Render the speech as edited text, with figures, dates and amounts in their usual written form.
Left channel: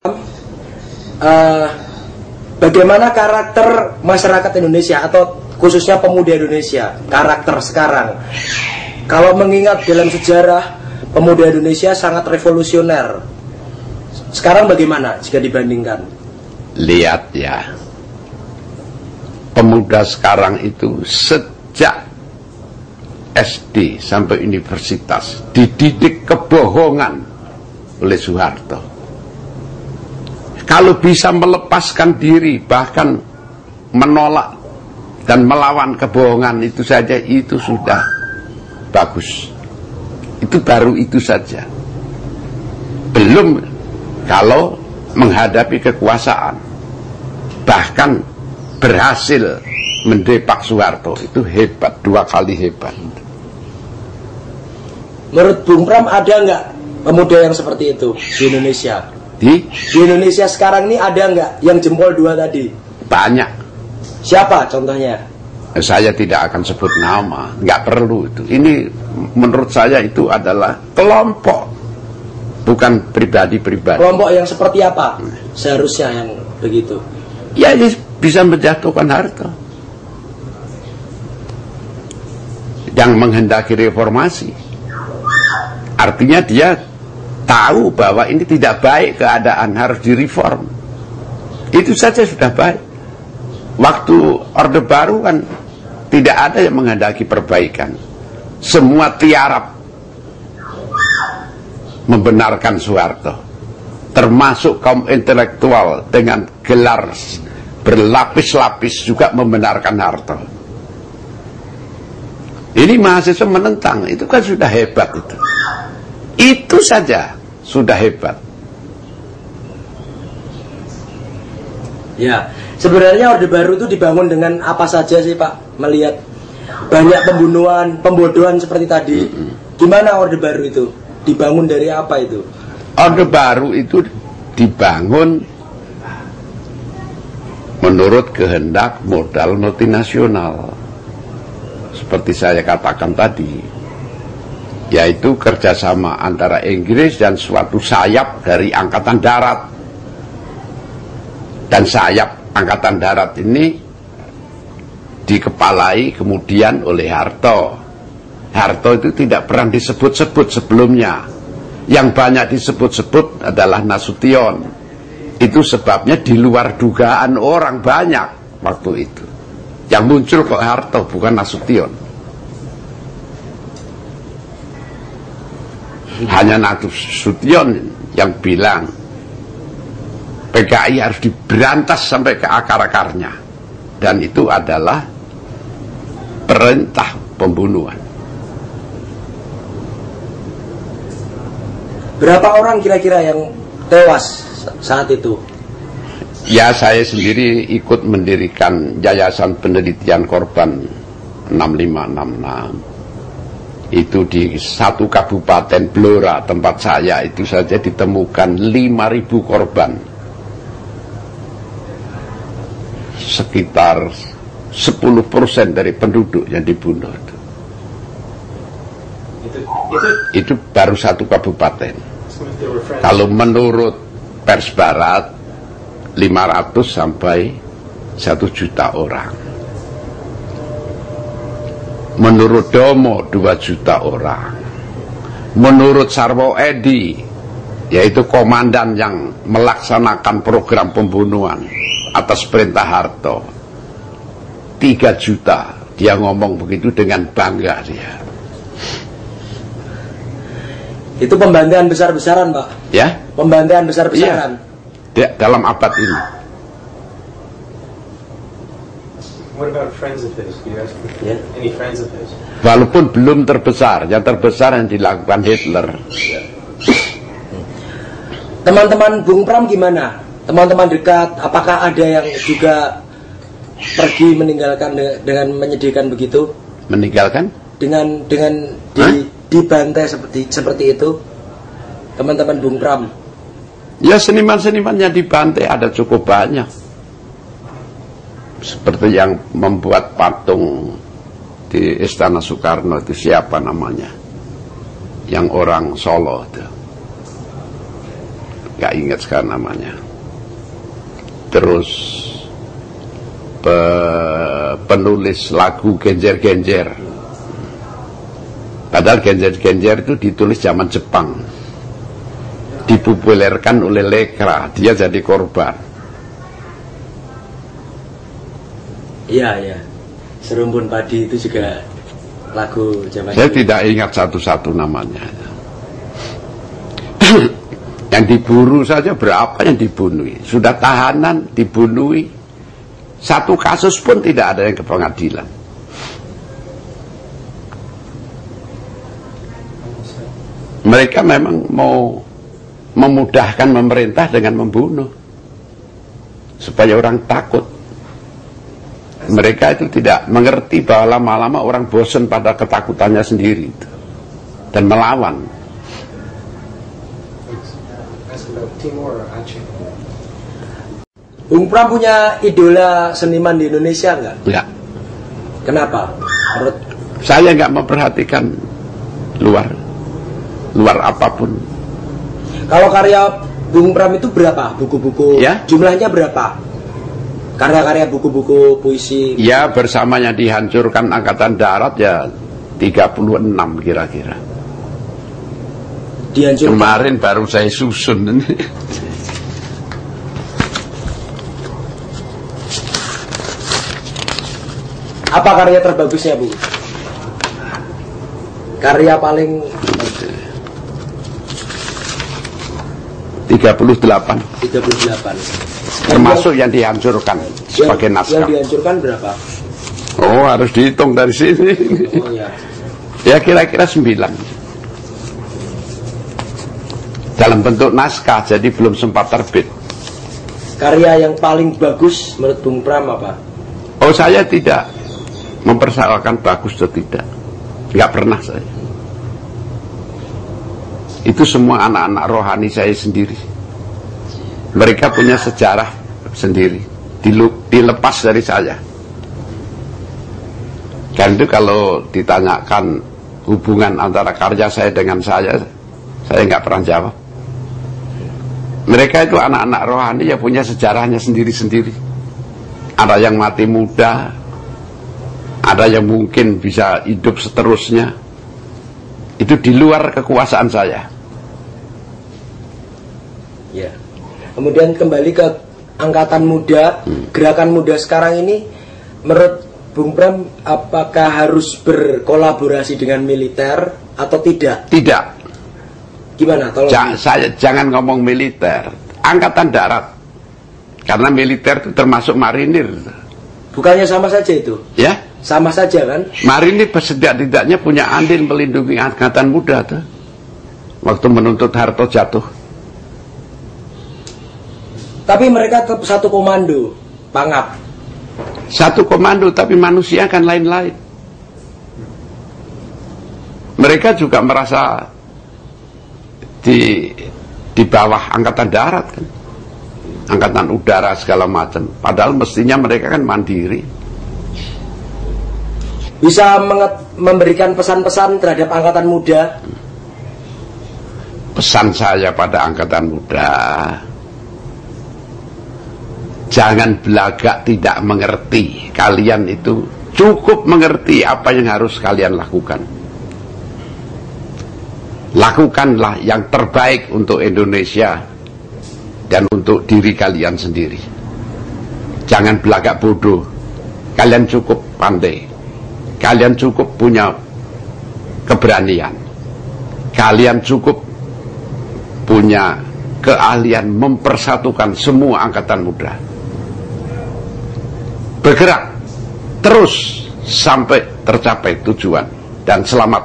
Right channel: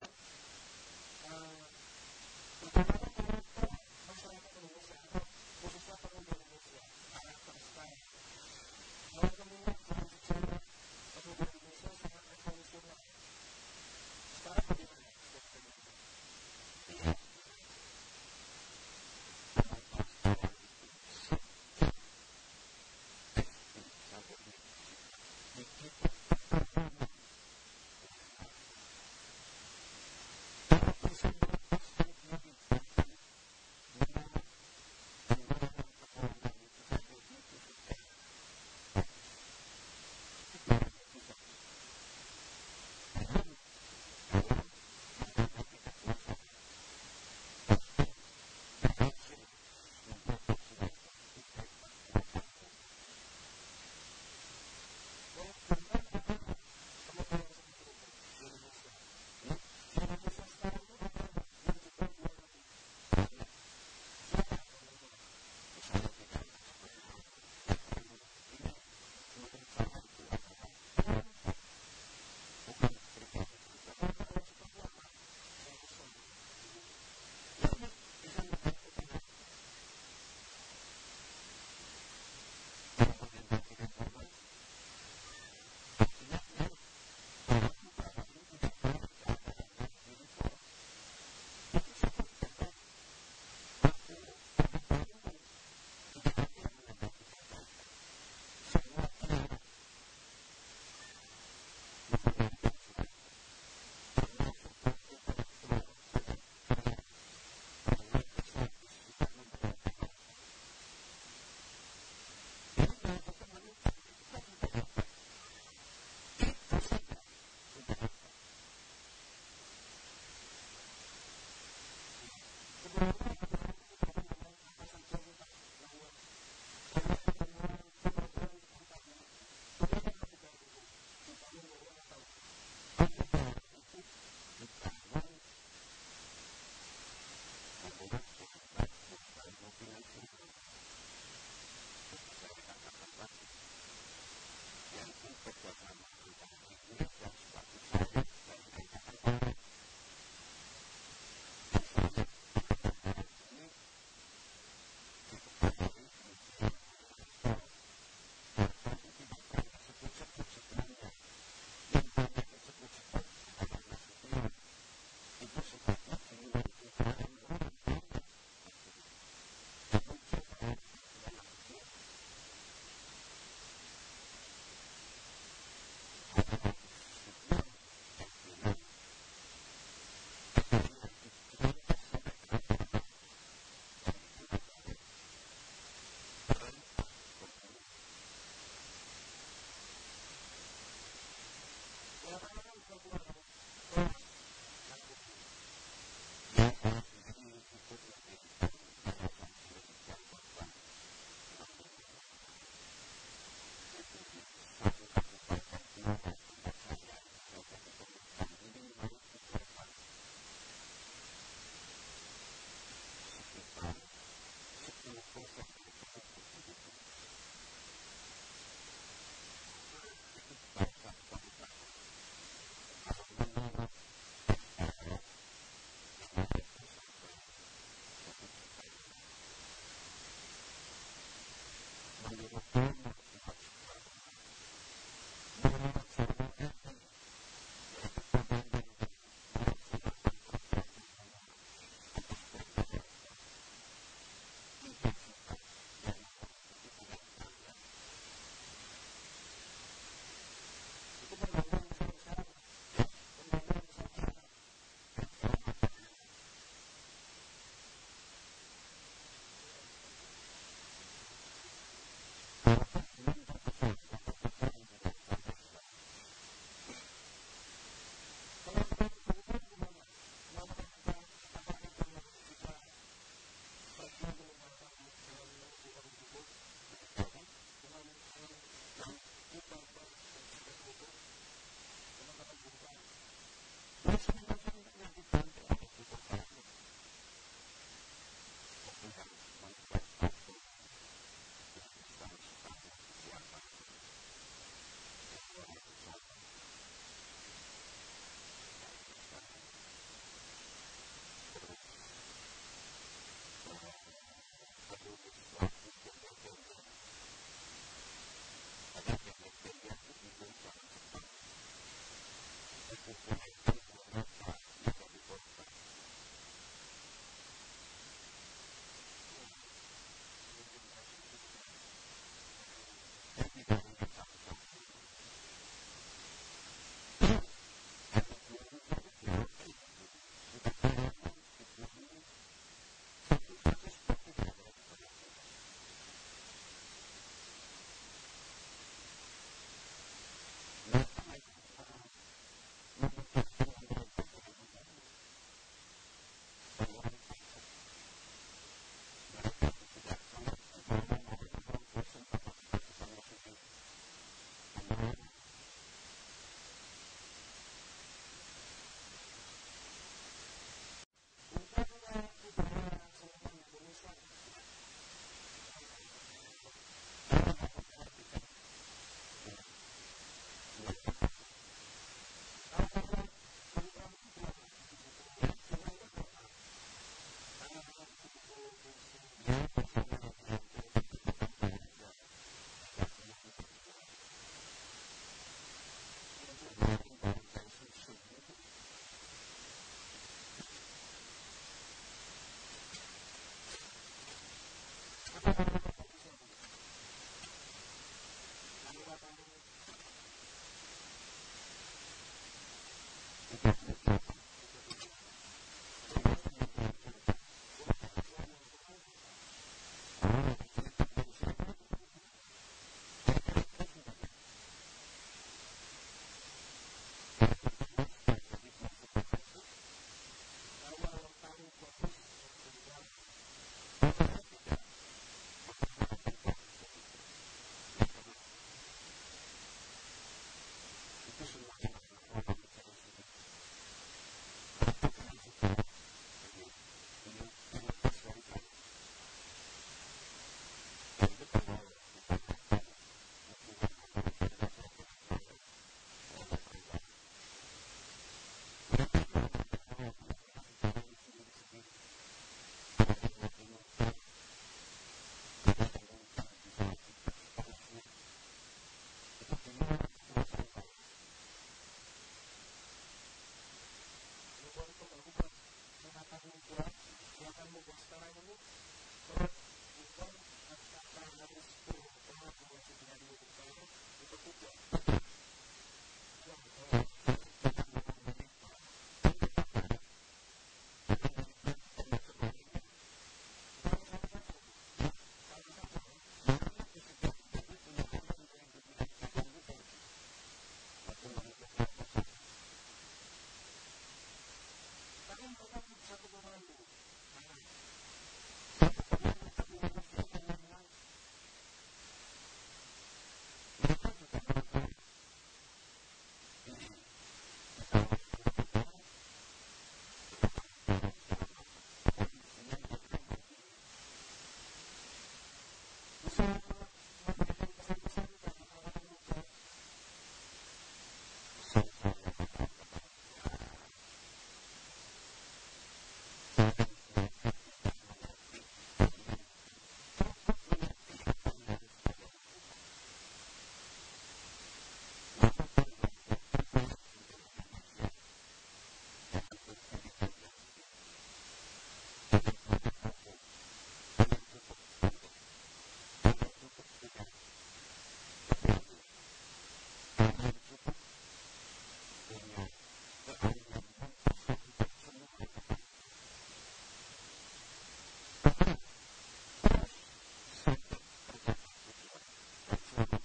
uh, bagaimana karakter masyarakat Indonesia atau khususnya pemuda Indonesia, karakter sekarang. Kalau mengingat dalam sejarah, pemuda Indonesia sangat revolusioner. Sekarang bagaimana jika dibandingkan? Lihat ya, pemuda sekarang itu sejak SD sampai universitas dididik kebohongan oleh Soeharto. Kalau bisa melepaskan diri, bahkan menolak dan melawan kebohongan itu saja, itu sudah bagus. Itu baru itu saja. Belum kalau menghadapi kekuasaan, bahkan berhasil mendepak Soeharto, itu hebat, 2 kali hebat. Menurut Bung Pram, ada nggak pemuda yang seperti itu di Indonesia? Di Indonesia sekarang ini ada nggak yang jempol 2 tadi? Banyak. Siapa contohnya? Saya tidak akan sebut nama, nggak perlu itu. Ini menurut saya itu adalah kelompok, bukan pribadi-pribadi. Kelompok yang seperti apa seharusnya yang begitu? Ya, ini bisa menjatuhkan Harto, yang menghendaki reformasi. Artinya dia tahu bahwa ini tidak baik keadaan, harus direform. Itu saja sudah baik. Waktu Orde Baru kan tidak ada yang menghendaki perbaikan. Semua tiarap membenarkan Soeharto, termasuk kaum intelektual dengan gelar berlapis-lapis juga membenarkan Harto. Ini mahasiswa menentang, itu kan sudah hebat itu. Itu saja sudah hebat. Ya, sebenarnya Orde Baru itu dibangun dengan apa saja sih Pak? Melihat banyak pembunuhan, pembodohan seperti tadi. Gimana Orde Baru itu? Dibangun dari apa itu? Orde Baru itu dibangun menurut kehendak modal multinasional. Seperti saya katakan tadi, yaitu kerjasama antara Inggris dan suatu sayap dari Angkatan Darat. Dan sayap Angkatan Darat ini dikepalai kemudian oleh Harto. Harto itu tidak pernah disebut-sebut sebelumnya. Yang banyak disebut-sebut adalah Nasution. Itu sebabnya di luar dugaan orang banyak waktu itu. Yang muncul kok Harto, bukan Nasution. Hanya Nasution yang bilang PKI harus diberantas sampai ke akar-akarnya. Dan itu adalah perintah pembunuhan. Berapa orang kira-kira yang tewas saat itu? Ya, saya sendiri ikut mendirikan Yayasan Penelitian Korban 6566. Itu di satu kabupaten Blora, tempat saya itu saja ditemukan 5.000 korban. Sekitar 10% dari penduduk yang dibunuh. Itu baru satu kabupaten. Kalau menurut pers barat 500 sampai 1 juta orang. Menurut Domo 2 juta orang. Menurut Sarwo Edi, yaitu komandan yang melaksanakan program pembunuhan atas perintah Harto, 3 juta. Dia ngomong begitu dengan bangga dia. Itu pembantaian besar-besaran, Pak. Ya? Pembantaian besar-besaran. Iya. Dalam abad ini. What about friends of his? Do you ask Yeah. any friends of his? Walaupun belum terbesar, yang terbesar yang dilakukan Hitler. Teman-teman Bung Pram gimana? Teman-teman dekat, apakah ada yang juga pergi meninggalkan dengan menyedihkan begitu? Meninggalkan? Dengan dibantai seperti itu, teman-teman Bung Pram? Ya, seniman-seniman yang dibantai ada cukup banyak. Seperti yang membuat patung di Istana Soekarno itu siapa namanya? Yang orang Solo itu. nggak ingat sekarang namanya. Terus penulis lagu Genjer-Genjer. Padahal Genjer-Genjer itu ditulis zaman Jepang, dipopulerkan oleh Lekra, dia jadi korban. Iya. Serumpun Padi itu juga lagu zaman Saya dulu. tidak ingat satu-satu namanya. Yang diburu saja berapa yang dibunuh. Sudah tahanan, dibunuh. Satu kasus pun tidak ada yang ke pengadilan. Mereka memang mau memudahkan pemerintah dengan membunuh. Supaya orang takut. Mereka itu tidak mengerti bahwa lama-lama orang bosan pada ketakutannya sendiri itu. Dan melawan. Ask about Timor or Aceh. Bung Pram punya idola seniman di Indonesia nggak? Ya. Kenapa? Menurut Saya nggak memperhatikan luar apapun. kalau karya Bung Pram itu berapa buku-buku? Ya. Jumlahnya berapa? Karya-karya buku-buku puisi. Ya, bersamanya dihancurkan Angkatan Darat ya 36 kira-kira. Dihancurkan. Kemarin baru saya susun. Apa karya terbagusnya, Bu? Karya paling 38. 38. Termasuk yang dihancurkan sebagai Yang naskah. dihancurkan berapa? Oh, harus dihitung dari sini. Oh ya. Ya kira-kira 9. Dalam bentuk naskah, jadi belum sempat terbit. Karya yang paling bagus menurut Bung Pram apa? Oh, saya tidak mempersoalkan bagus atau tidak. Nggak pernah saya. Itu semua anak-anak rohani saya sendiri. Mereka punya sejarah sendiri, dilepas dari saya. Dan itu kalau ditanyakan hubungan antara karya saya dengan saya nggak pernah jawab. Mereka itu anak-anak rohani yang punya sejarahnya sendiri-sendiri. Ada yang mati muda, ada yang mungkin bisa hidup seterusnya. Itu di luar kekuasaan saya. Ya. Kemudian kembali ke angkatan muda, gerakan muda sekarang ini, menurut Bung Pram, apakah harus berkolaborasi dengan militer atau tidak? Tidak. Gimana? Tolong. Saya jangan ngomong militer, angkatan darat. Karena militer itu termasuk marinir. Bukannya sama saja itu? Ya, Sama saja kan? marinir setidak-tidaknya punya andil melindungi angkatan muda tuh. Waktu menuntut Harto jatuh. Tapi mereka tetap satu komando, Pangap. Satu komando, tapi manusia kan lain-lain. Mereka juga merasa di bawah angkatan darat kan, angkatan udara segala macam. Padahal mestinya mereka kan mandiri. Bisa memberikan pesan-pesan terhadap angkatan muda. Pesan saya pada angkatan muda, jangan belagak tidak mengerti. Kalian itu cukup mengerti apa yang harus kalian lakukan. Lakukanlah yang terbaik untuk Indonesia dan untuk diri kalian sendiri. Jangan belagak bodoh. Kalian cukup pandai. Kalian cukup punya keberanian. Kalian cukup punya keahlian mempersatukan semua angkatan muda. Bergerak terus sampai tercapai tujuan, dan selamat